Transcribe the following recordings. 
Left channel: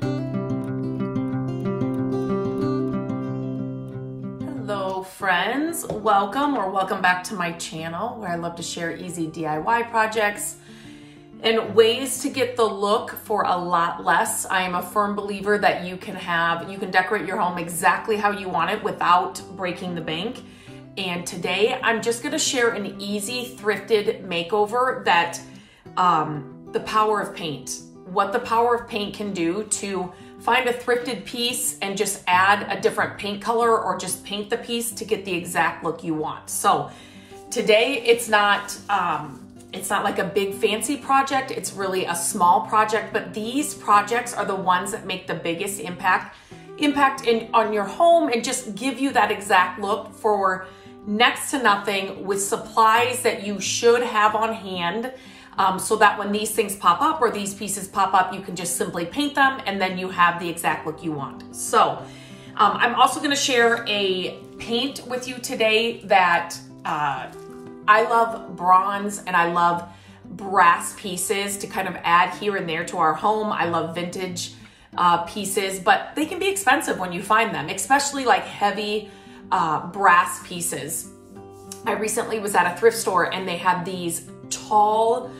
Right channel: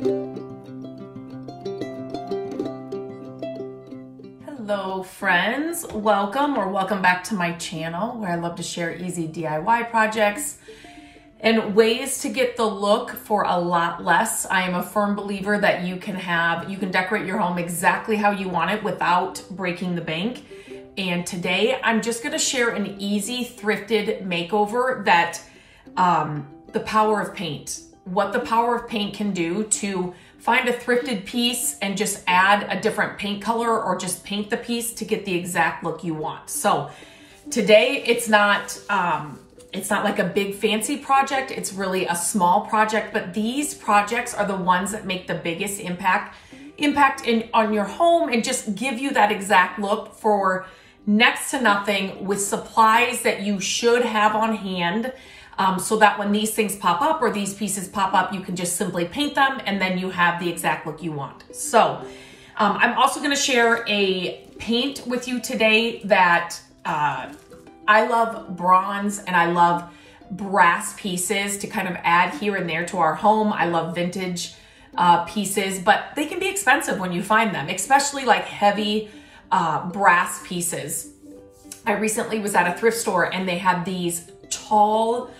Hello friends, welcome back to my channel where I love to share easy DIY projects and ways to get the look for a lot less. I am a firm believer that you can decorate your home exactly how you want it without breaking the bank. And today I'm just gonna share an easy thrifted makeover that the power of paint, what the power of paint can do to find a thrifted piece and just add a different paint color or just paint the piece to get the exact look you want. So today it's not like a big fancy project, it's really a small project, but these projects are the ones that make the biggest impact on your home and just give you that exact look for next to nothing with supplies that you should have on hand. So that when these things pop up or these pieces pop up, you can just simply paint them and then you have the exact look you want. So I'm also gonna share a paint with you today that I love bronze and I love brass pieces to kind of add here and there to our home. I love vintage pieces, but they can be expensive when you find them, especially like heavy brass pieces. I recently was at a thrift store and they had these tall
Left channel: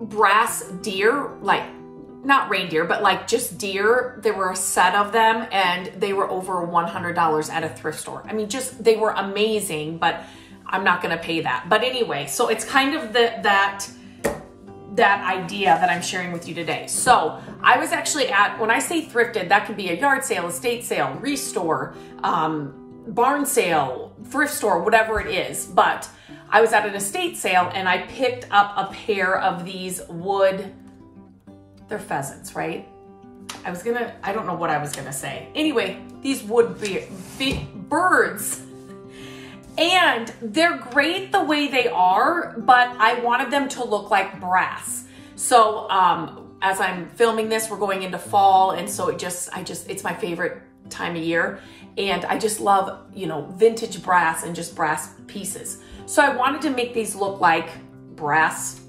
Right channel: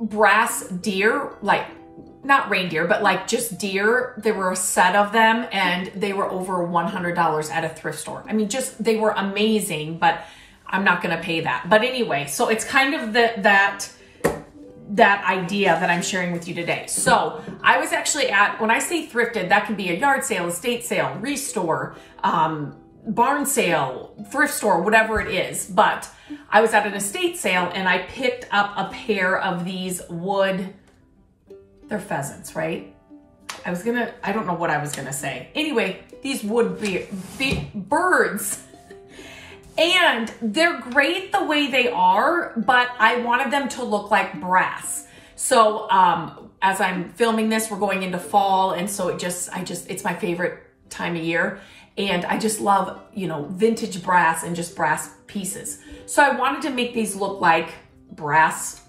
brass deer, like not reindeer, but like just deer. There were a set of them and they were over $100 at a thrift store. I mean, they were amazing, but I'm not gonna pay that. But anyway, so it's kind of that idea that I'm sharing with you today. So I was actually when I say thrifted, that could be a yard sale, estate sale, restore, barn sale, thrift store, whatever it is. But I was at an estate sale and I picked up a pair of these they're pheasants, right? I don't know what I was gonna say. Anyway, these would be birds. And they're great the way they are, but I wanted them to look like brass. So as I'm filming this, we're going into fall. And so it's my favorite time of year. And I just love, vintage brass and just brass pieces. So I wanted to make these look like brass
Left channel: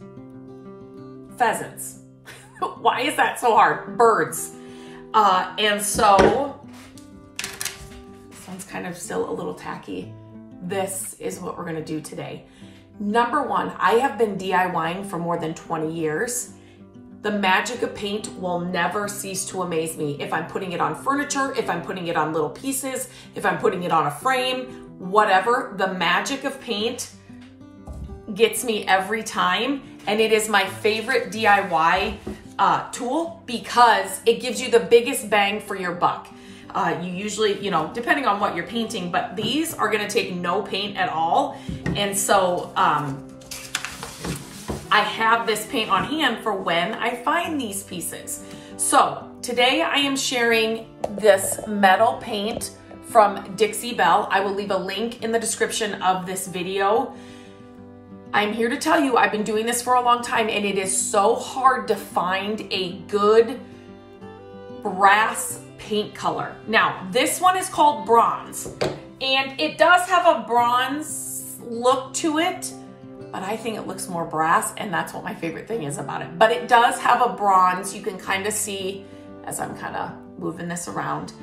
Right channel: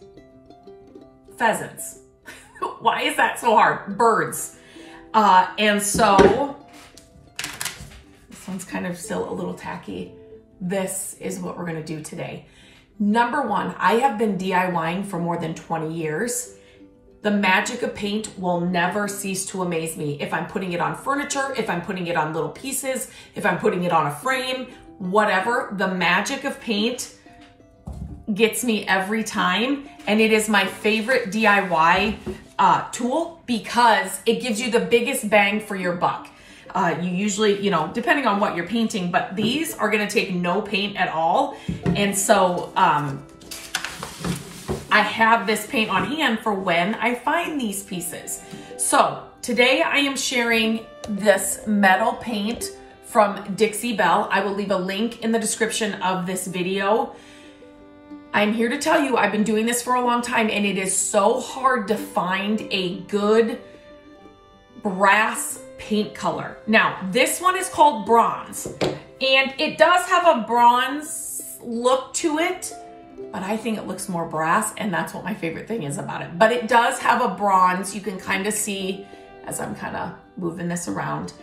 pheasants. Why is that so hard? Birds. And so, this one's kind of still a little tacky. This is what we're gonna do today. Number one, I have been DIYing for more than 20 years. The magic of paint will never cease to amaze me. If I'm putting it on furniture, if I'm putting it on little pieces, if I'm putting it on a frame, whatever, the magic of paint gets me every time. And it is my favorite DIY tool because it gives you the biggest bang for your buck. You usually, depending on what you're painting, but these are gonna take no paint at all. And so, I have this paint on hand for when I find these pieces. So today I am sharing this metal paint from Dixie Belle. I will leave a link in the description of this video. I'm here to tell you, I've been doing this for a long time and it is so hard to find a good brass paint color. Now, this one is called bronze and it does have a bronze look to it, but I think it looks more brass and that's what my favorite thing is about it. But it does have a bronze, you can kind of see as I'm kind of moving this around.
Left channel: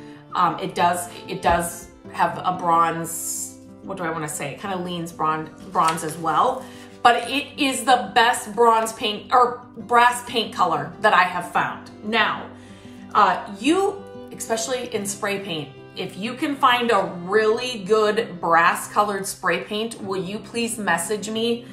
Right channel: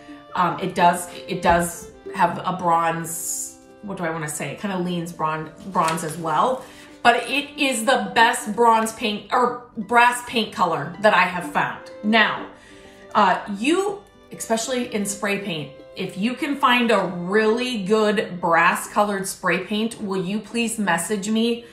It does have a bronze, what do I want to say? It kind of leans bronze as well. But it is the best bronze paint or brass paint color that I have found. Now, especially in spray paint, if you can find a really good brass colored spray paint, will you please message me?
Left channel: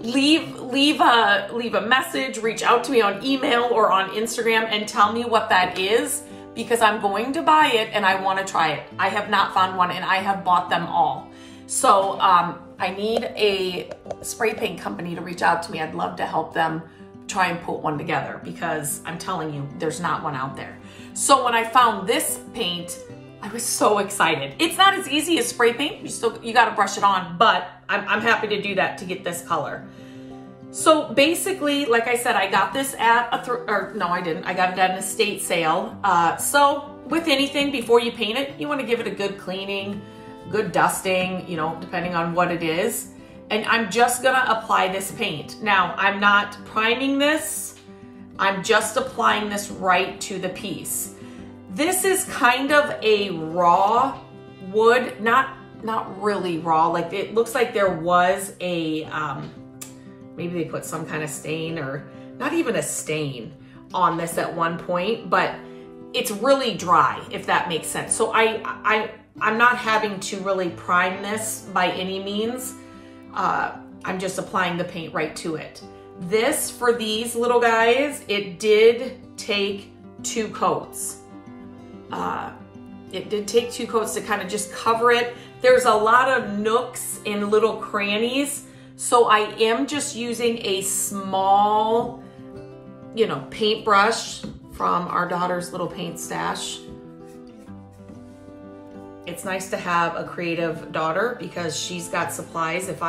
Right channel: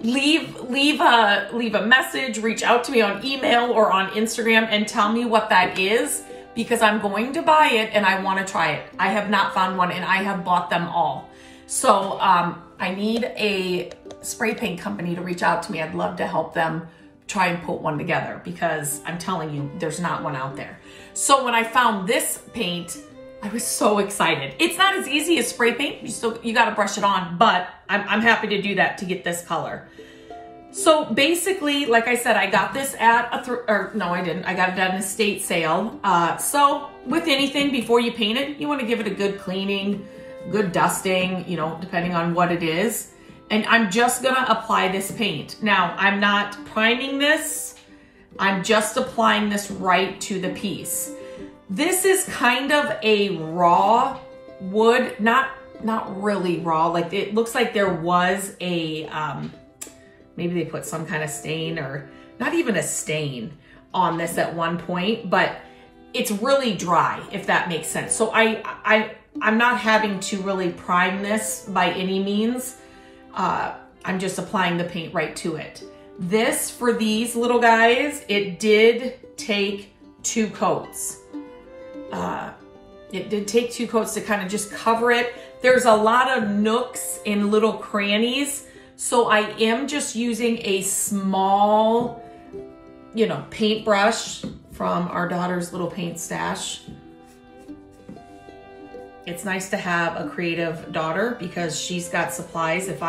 leave a message, reach out to me on email or on Instagram and tell me what that is because I'm going to buy it and I want to try it. I have not found one and I have bought them all. So I need a spray paint company to reach out to me. I'd love to help them try and put one together because I'm telling you, there's not one out there. So when I found this paint, I was so excited. It's not as easy as spray paint. You got to brush it on, but I'm happy to do that to get this color. So basically, like I said, I got this at I got it at an estate sale. So with anything, before you paint it, you want to give it a good cleaning, good dusting, depending on what it is. And I'm just gonna apply this paint. Now, I'm not priming this. I'm just applying this right to the piece. This is kind of a raw wood, not really raw. Like it looks like there was a, maybe they put some kind of stain or not even a stain on this at one point, but it's really dry, if that makes sense. So I'm not having to really prime this by any means. I'm just applying the paint right to it. This, for these little guys, it did take 2 coats. It did take 2 coats to kind of just cover it. There's a lot of nooks and little crannies, so I am just using a small, you know, paintbrush from our daughter's little paint stash. It's nice to have a creative daughter because she's got supplies. If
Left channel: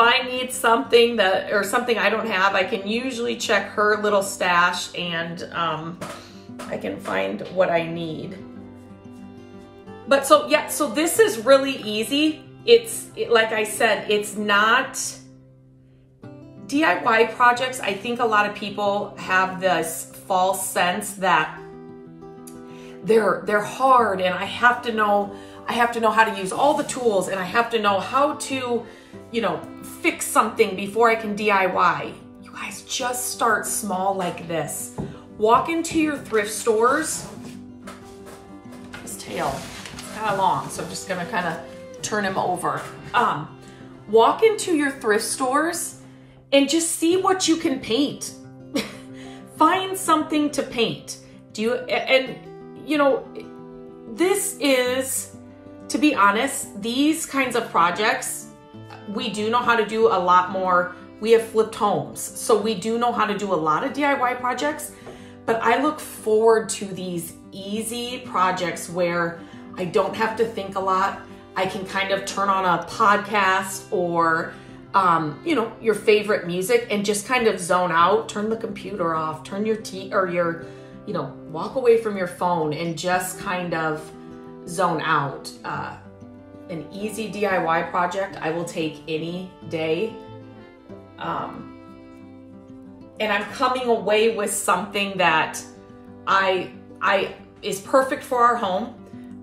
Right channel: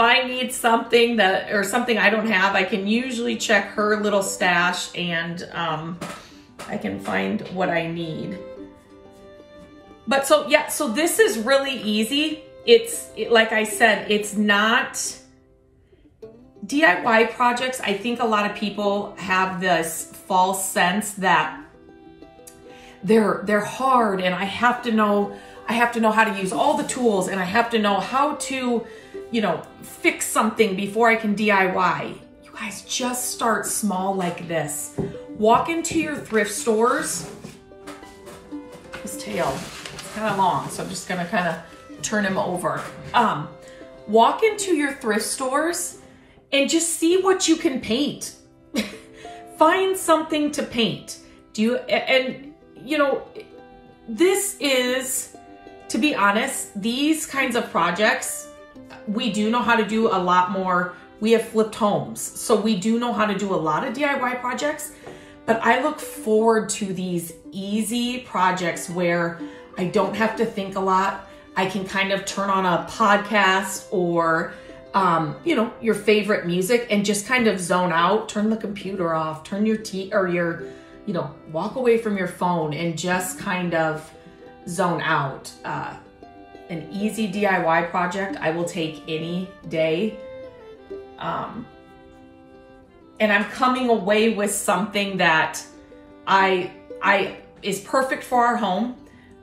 I need something or something I don't have, I can usually check her little stash and I can find what I need. But so yeah, so this is really easy. Like I said, it's not DIY projects. I think a lot of people have this false sense that they're hard and I have to know how to use all the tools and I have to know how to, you know, fix something before I can DIY. You guys, just start small like this. Walk into your thrift stores. His tail is kind of long, so I'm just gonna kind of turn him over. Walk into your thrift stores and just see what you can paint. Find something to paint. You know, this is, to be honest, these kinds of projects, we do know how to do a lot more. We have flipped homes, so we do know how to do a lot of DIY projects, but I look forward to these easy projects where I don't have to think a lot. I can kind of turn on a podcast or, you know, your favorite music and just kind of zone out, turn the computer off, turn your you know, walk away from your phone and just kind of zone out. An easy DIY project I will take any day. And I'm coming away with something that is perfect for our home.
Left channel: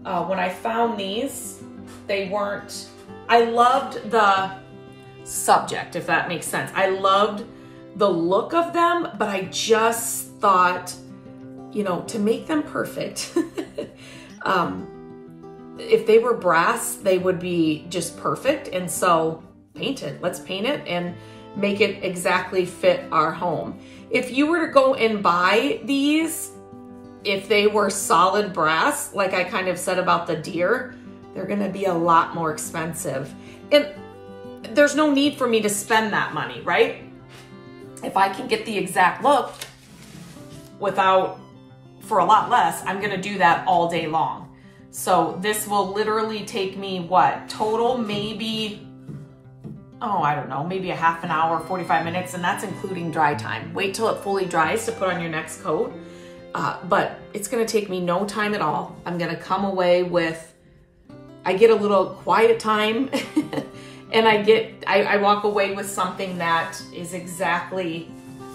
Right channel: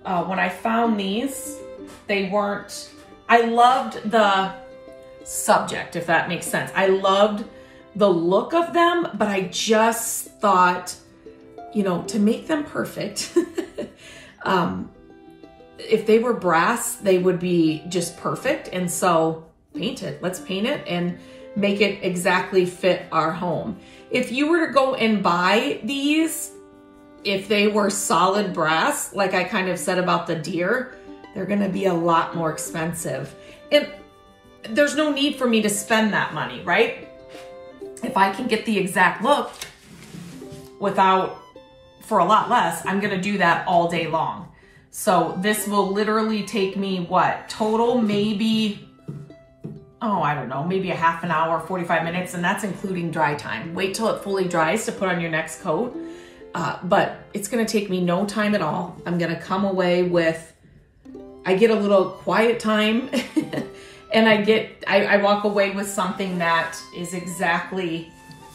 When I found these, I loved the subject, if that makes sense. I loved the look of them, but I just thought, you know, to make them perfect, if they were brass, they would be just perfect. And so paint it, let's paint it and make it exactly fit our home. If you were to go and buy these, if they were solid brass, like I kind of said about the deer, they're gonna be a lot more expensive. And there's no need for me to spend that money, right? If I can get the exact look for a lot less, I'm gonna do that all day long. So this will literally take me, what, total maybe, oh, I don't know, maybe a half an hour, 45 minutes, and that's including dry time. Wait till it fully dries to put on your next coat. But it's gonna take me no time at all. I'm gonna come away with, I get a little quiet time and I walk away with something that is exactly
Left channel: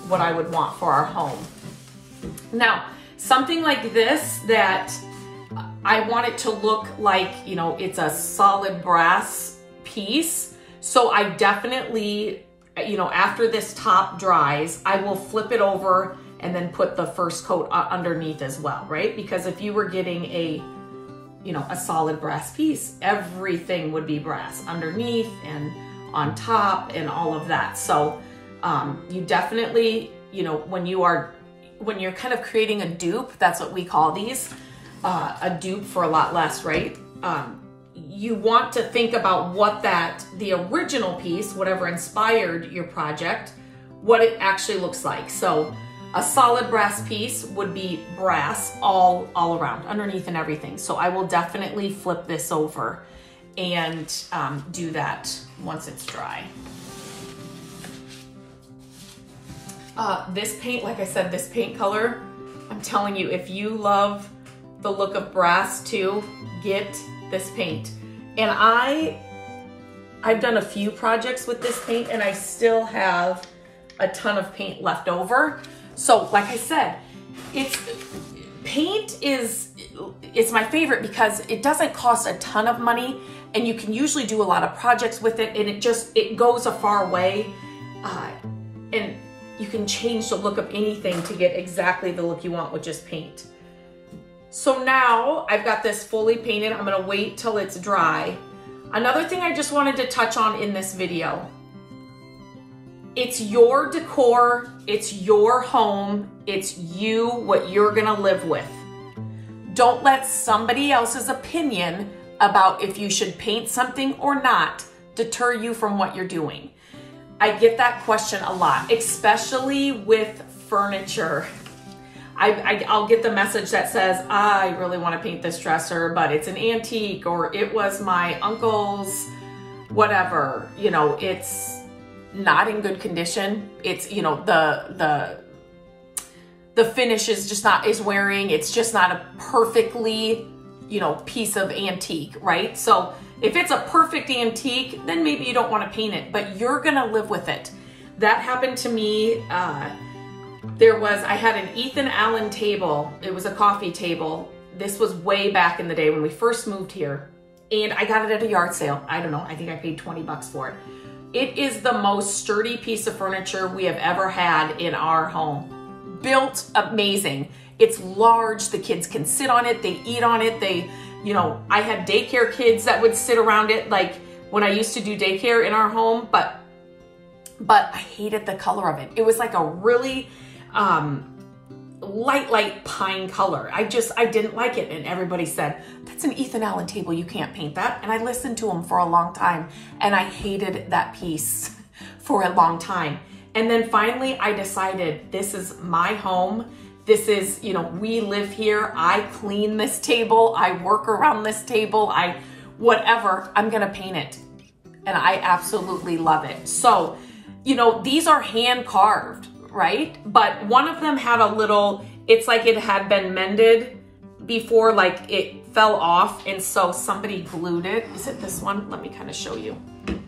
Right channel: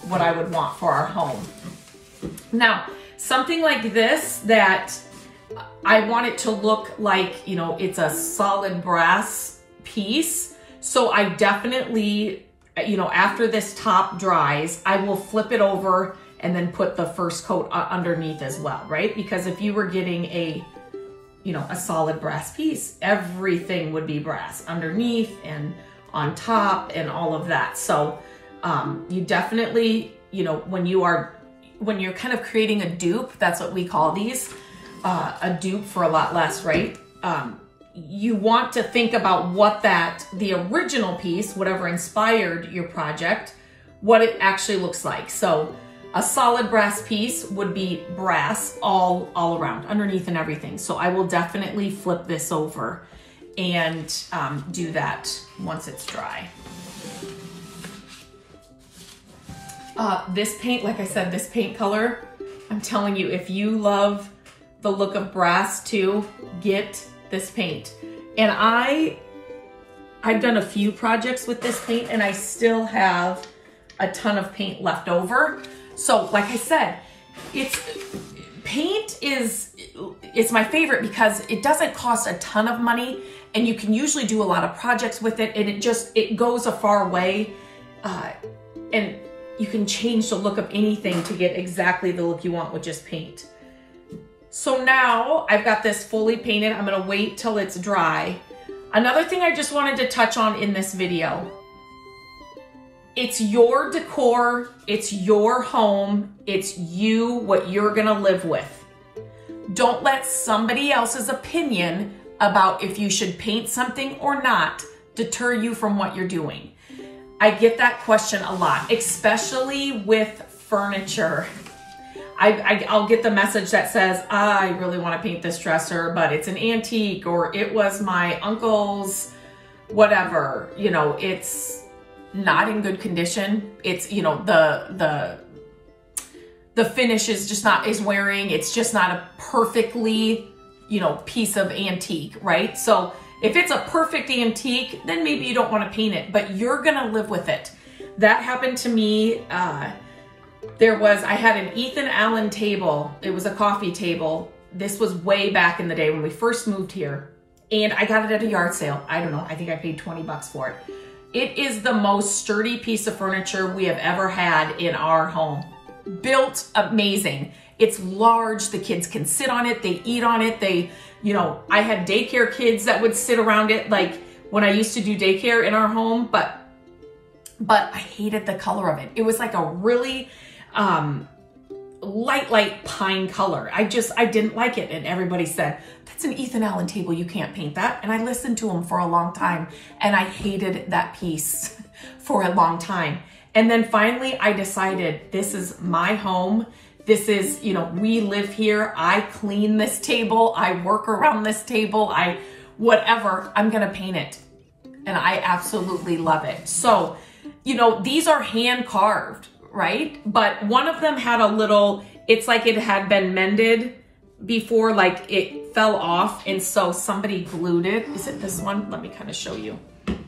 what I would want for our home. Now, something like this that I want it to look like, you know, it's a solid brass piece. So I definitely, you know, after this top dries, I will flip it over and then put the first coat underneath as well, right? Because if you were getting a, you know, a solid brass piece, everything would be brass underneath and on top and all of that. So you definitely, you know, when you're kind of creating a dupe, that's what we call these, a dupe for a lot less, right? You want to think about what the original piece, whatever inspired your project, what it actually looks like. So a solid brass piece would be brass all around, underneath and everything. So I will definitely flip this over and do that once it's dry. This paint, like I said, this paint color, I'm telling you, if you love the look of brass too, get this paint. And I've done a few projects with this paint and I still have a ton of paint left over. So like I said, paint is my favorite because it doesn't cost a ton of money and you can usually do a lot of projects with it, and it goes a far way, and you can change the look of anything to get exactly the look you want with just paint. So now I've got this fully painted. I'm gonna wait till it's dry. Another thing I just wanted to touch on in this video, it's your decor, it's your home, it's you, what you're gonna live with. Don't let somebody else's opinion about if you should paint something or not deter you from what you're doing. I get that question a lot, especially with furniture. I'll get the message that says, I really want to paint this dresser, but it's an antique, or it was my uncle's, whatever, you know, it's not in good condition. It's, you know, the finish is just not, is wearing, it's just not a perfectly, you know, piece of antique, right? So if it's a perfect antique, then maybe you don't want to paint it, but you're going to live with it. That happened to me. I had an Ethan Allen table. It was a coffee table. This was way back in the day when we first moved here, and I got it at a yard sale. I don't know, I think I paid 20 bucks for it. It is the most sturdy piece of furniture we have ever had in our home. Built amazing. It's large, the kids can sit on it, they eat on it, you know, I had daycare kids that would sit around it, like when I used to do daycare in our home, but I hated the color of it. It was like a really light pine color. I didn't like it, and everybody said, that's an Ethan Allen table, you can't paint that. And I listened to them for a long time, and I hated that piece for a long time. And then finally I decided, this is my home. This is, you know, we live here. I clean this table. I work around this table. Whatever, I'm gonna paint it. And I absolutely love it. So, you know, these are hand carved, right? But one of them had a little, it's like it had been mended before, like it fell off. And so somebody glued it. Is it this one? Let me kind of show you. Can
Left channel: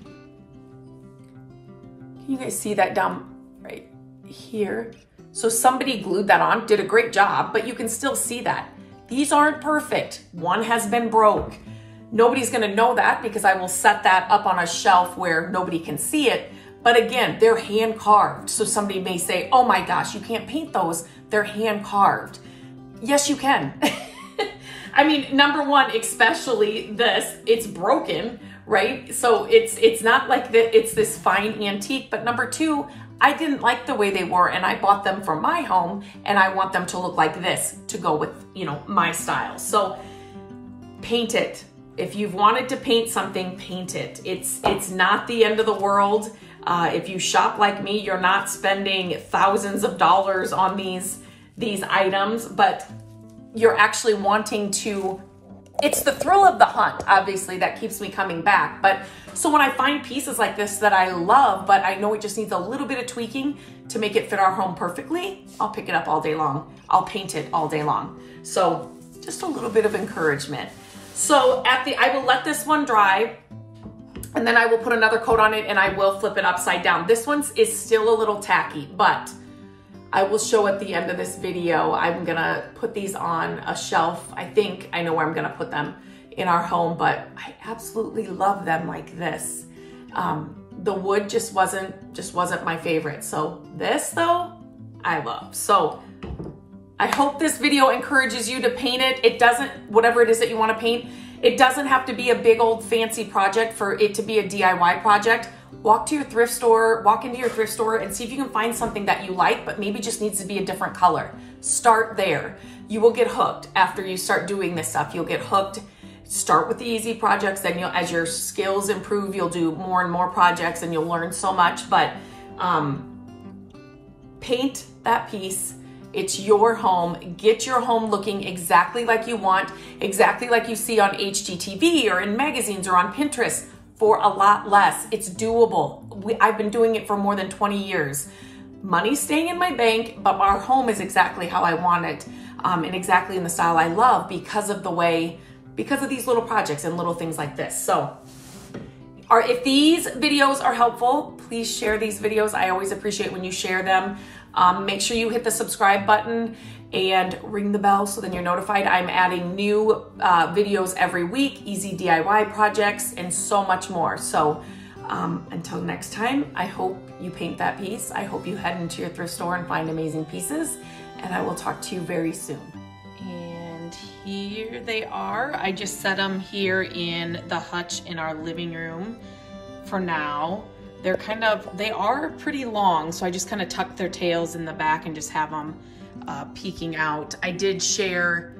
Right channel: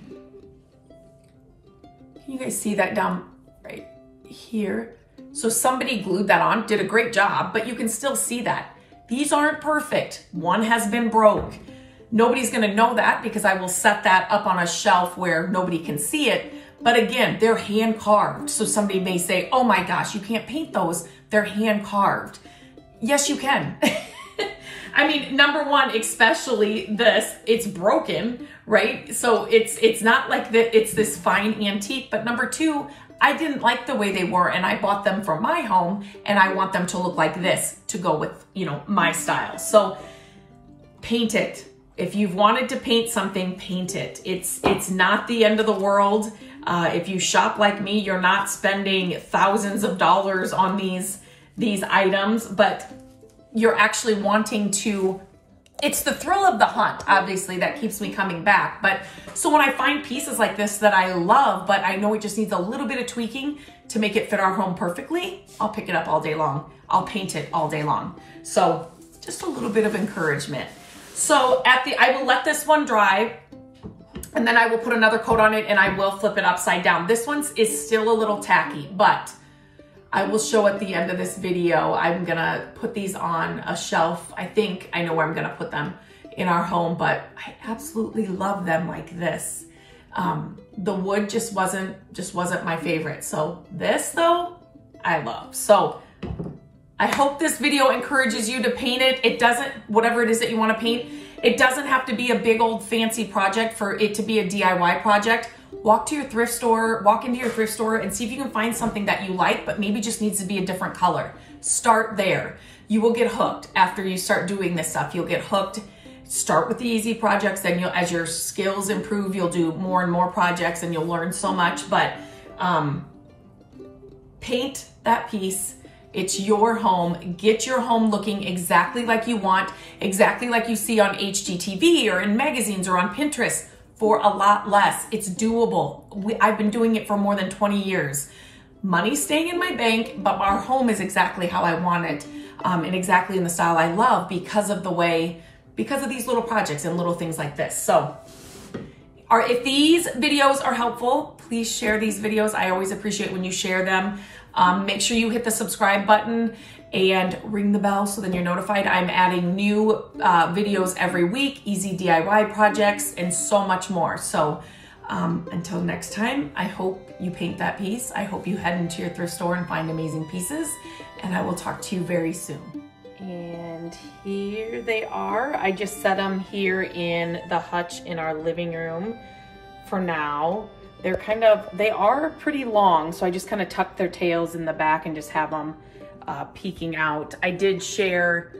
you guys see that down right here? So somebody glued that on, did a great job, but you can still see that. These aren't perfect. One has been broke. Nobody's gonna know that because I will set that up on a shelf where nobody can see it. But again, they're hand carved. So somebody may say, oh my gosh, you can't paint those. They're hand carved. Yes, you can. I mean, number one, especially this, it's broken, right? So it's not like that it's this fine antique, but number two, I didn't like the way they were, and I bought them for my home, and I want them to look like this to go with, you know, my style. So paint it. If you've wanted to paint something, paint it. It's not the end of the world. If you shop like me, you're not spending thousands of dollars on these items, but you're actually wanting to, it's the thrill of the hunt, obviously, that keeps me coming back. But so when I find pieces like this that I love, but I know it just needs a little bit of tweaking to make it fit our home perfectly, I'll pick it up all day long. I'll paint it all day long. So just a little bit of encouragement. So I will let this one dry, and then I will put another coat on it, and I will flip it upside down. This one is still a little tacky, but I will show at the end of this video. I'm gonna put these on a shelf. I think I know where I'm gonna put them in our home, but I absolutely love them like this. The wood just wasn't my favorite. So this though, I love. So I hope this video encourages you to paint it. It doesn't, whatever it is that you wanna paint, it doesn't have to be a big old fancy project for it to be a DIY project. Walk into your thrift store and see if you can find something that you like, but maybe just needs to be a different color. Start there. You will get hooked after you start doing this stuff. You'll get hooked. Start with the easy projects, then as your skills improve, you'll do more and more projects and you'll learn so much, but paint that piece. It's your home. Get your home looking exactly like you want, exactly like you see on HGTV or in magazines or on Pinterest for a lot less. It's doable. I've been doing it for more than 20 years. Money's staying in my bank, but our home is exactly how I want it and exactly in the style I love because of these little projects and little things like this. So if these videos are helpful, please share these videos. I always appreciate when you share them. Make sure you hit the subscribe button and ring the bell so then you're notified. I'm adding new videos every week, easy DIY projects, and so much more. So until next time, I hope you paint that piece. I hope you head into your thrift store and find amazing pieces, and I will talk to you very soon. And here they are. I just set them here in the hutch in our living room for now. They are pretty long, so I just kind of tuck their tails in the back and just have them peeking out. I did share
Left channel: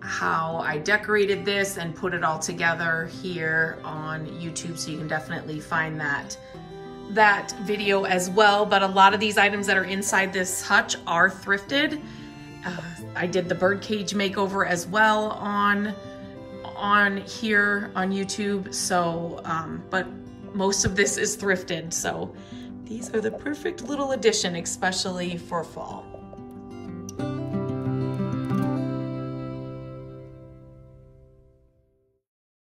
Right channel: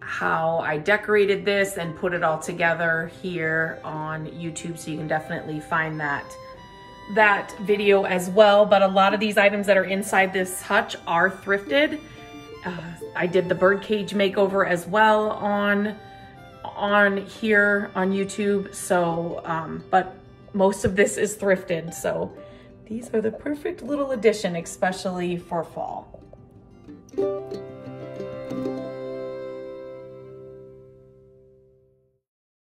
how I decorated this and put it all together here on YouTube, so you can definitely find that video as well. But a lot of these items that are inside this hutch are thrifted. I did the birdcage makeover as well on here on YouTube. So, but most of this is thrifted. So these are the perfect little addition, especially for fall.